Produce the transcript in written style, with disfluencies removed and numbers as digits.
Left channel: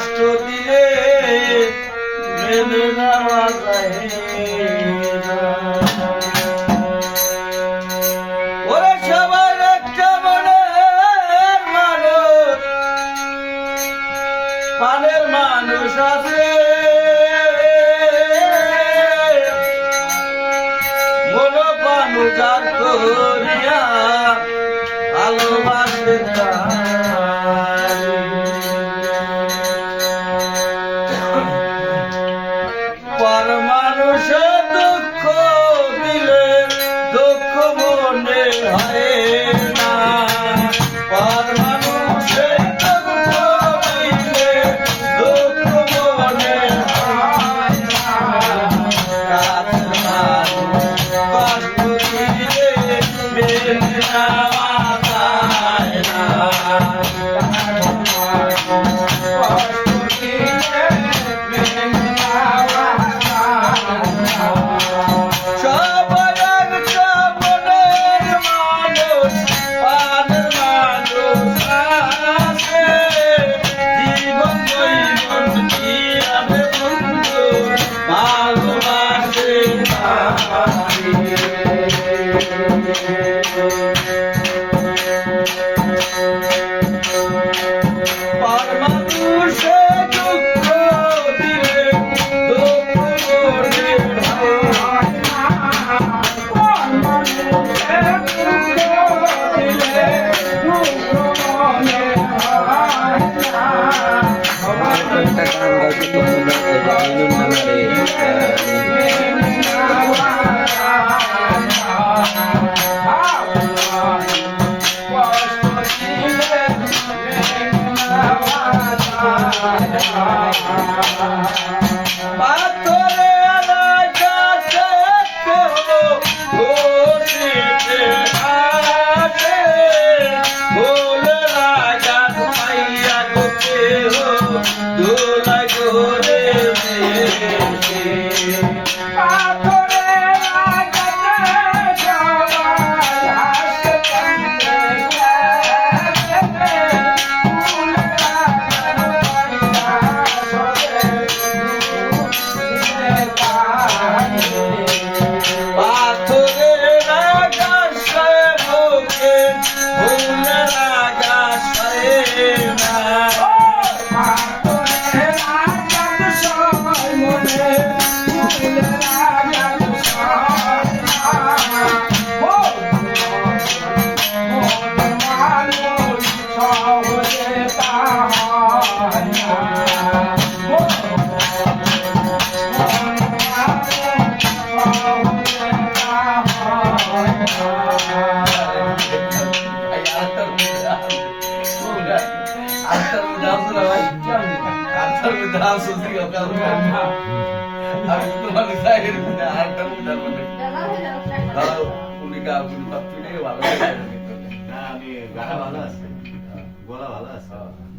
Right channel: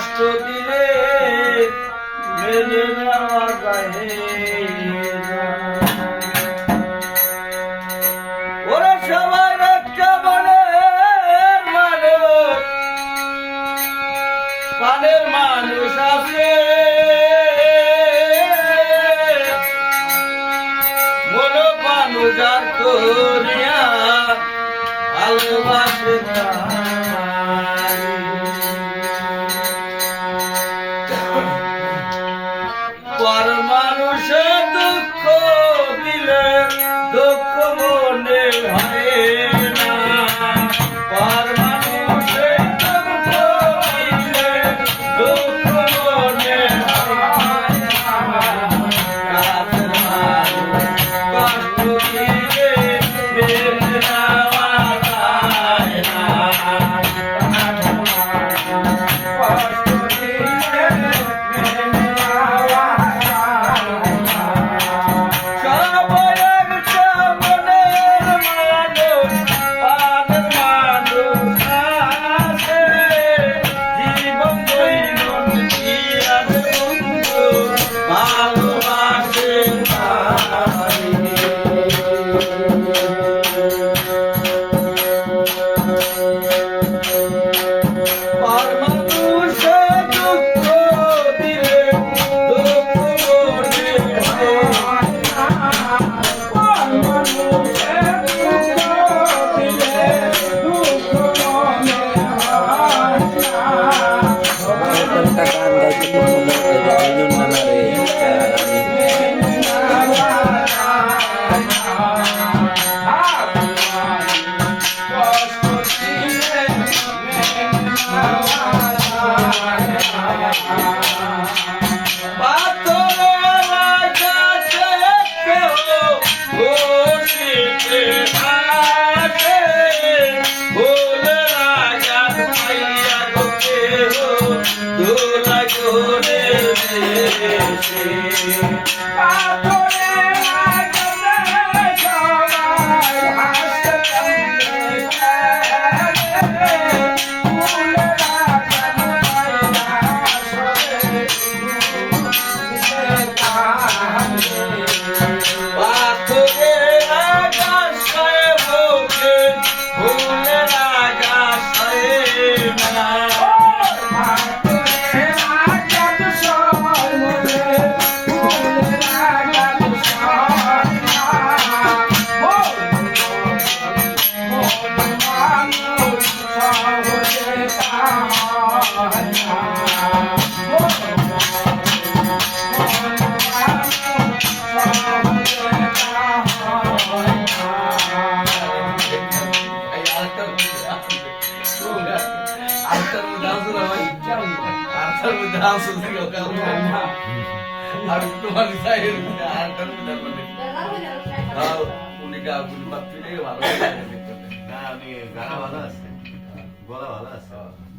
কষ্ট দিলে মেনে নেওয়া যায় না। ওরা সবাই একটা মনের মানুষ, প্রাণের মানুষ আছে, মন প্রাণ উজাড় করিয়া ভালোবাসে পর মানুষে দুঃখ দিলে দুঃখ মনে হয় না। পর মানুষে দুঃখ দিলে দুঃখ মনে হয় না। কাছের মানুষ কষ্ট দিলে মেনে নেওয়া যায় না। ভালো আছে, গলা ভালো আছে।